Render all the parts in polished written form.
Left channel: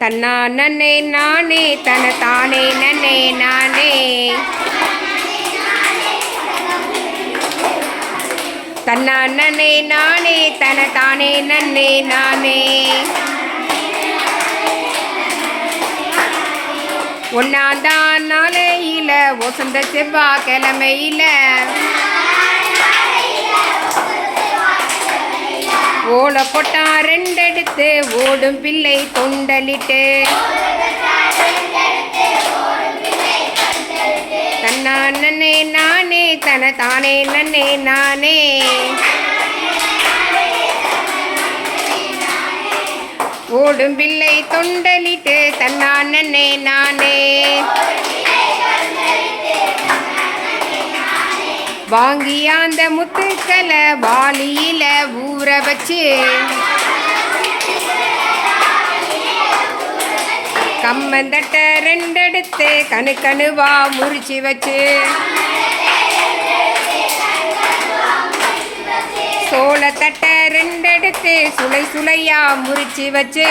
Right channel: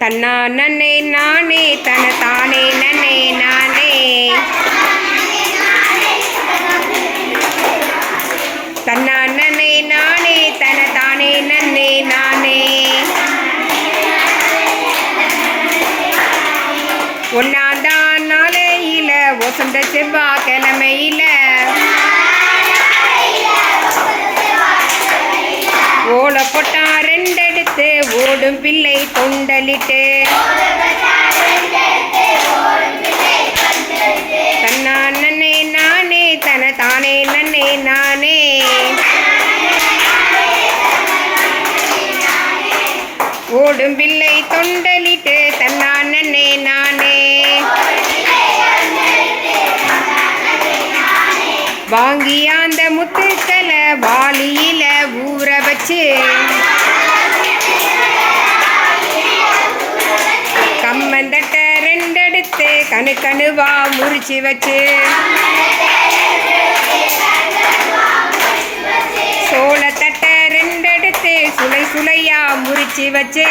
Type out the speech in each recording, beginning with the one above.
தன்னா நன்னே நானே தன தானே நன்னே நானே தன்னா நன்னே நானே தன தானே நன்னே நானே ஒன்னாந்தான் நாளையில வசந்த செவ்வாய்க்கிழமையில ஓலை போட்டான் ரெண்டெடுத்து ஓடும் பிள்ளை தொண்டலிட்டு தன்னா நன்னே நானே தன தானே நன்னே நானே ஓடும் பிள்ளை தொண்டலிட்டு தன்னா நன்னே நானே வாங்கி அந்த முத்துக்களை வாளியில ஊற வச்சு கம்மந்தட்ட ரெண்டெடுத்து கணுவா முறிச்சு வச்சு சோளத்தட்ட ரெண்டெடுத்து சுளையா முறிச்சு வச்சு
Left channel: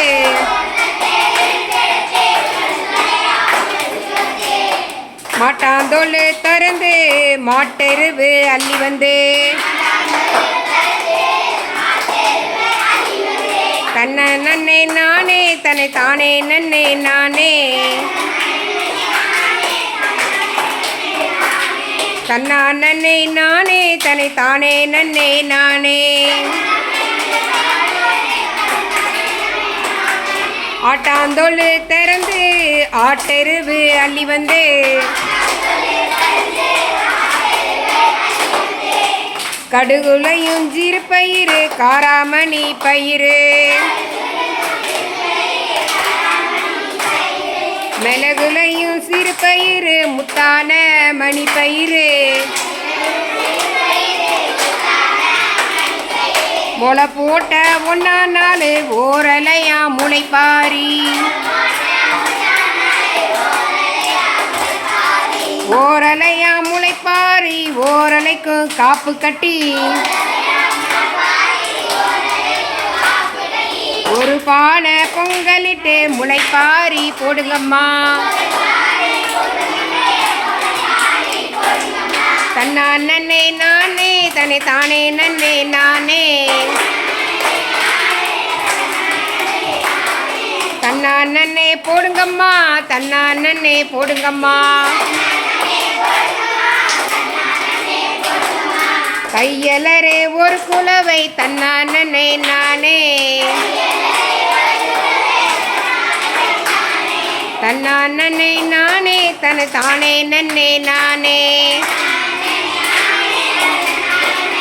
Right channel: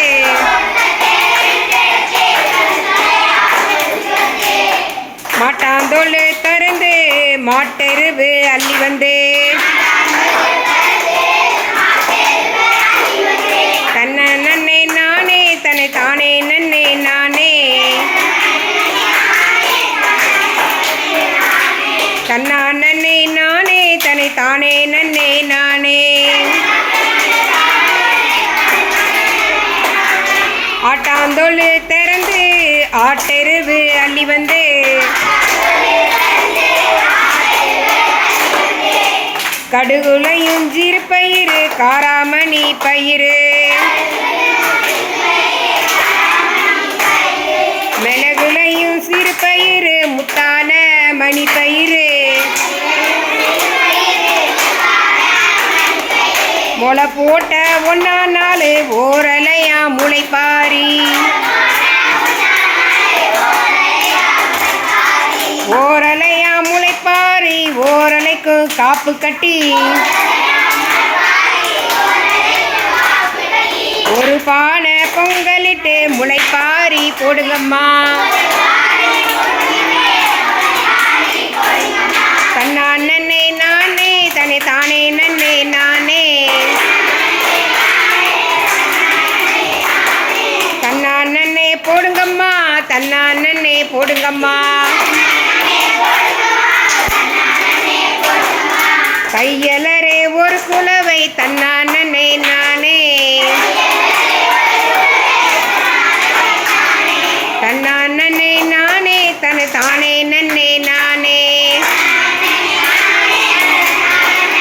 மாட்டாந்தோல் திறந்து மாட்டெருவு அள்ளி வந்து தன்னை நன்னே நானே தன்னை தானே நன்னே நானே தன்னா நன்னே நானே தன்னை தானே நன்னே நானே ஆட்டாந்தோல் திறந்து ஆட்டெருவு அள்ளி வந்து கடுகுலையும் ஜீர்பயிறு காராமணி பயிறு மிளகுலையும் சிறுபயிறு முத்தான மணி பயிறு முளை போட்ட ஒன்னா நாள் ஓரலையா முளைப்பாரி ஓரலையா முளைப்பாரி ஓரலைக்கும் காப்பு கட்டி ஒரு பானை பொங்கலிட்டு முளைப்பாரி போடுங்கம்மா தன்னா நன்னே நானே தன்னை தானே நன்னே நானே தன்னா நன்னே போடுங்கம்மா தன்னா நன்னே போடுங்கம்மா கையலரே ஒரு குலவை தன்னா நன்னே நானே தன்னா நன்னே நானே தன்னை தானே நன்னே நானே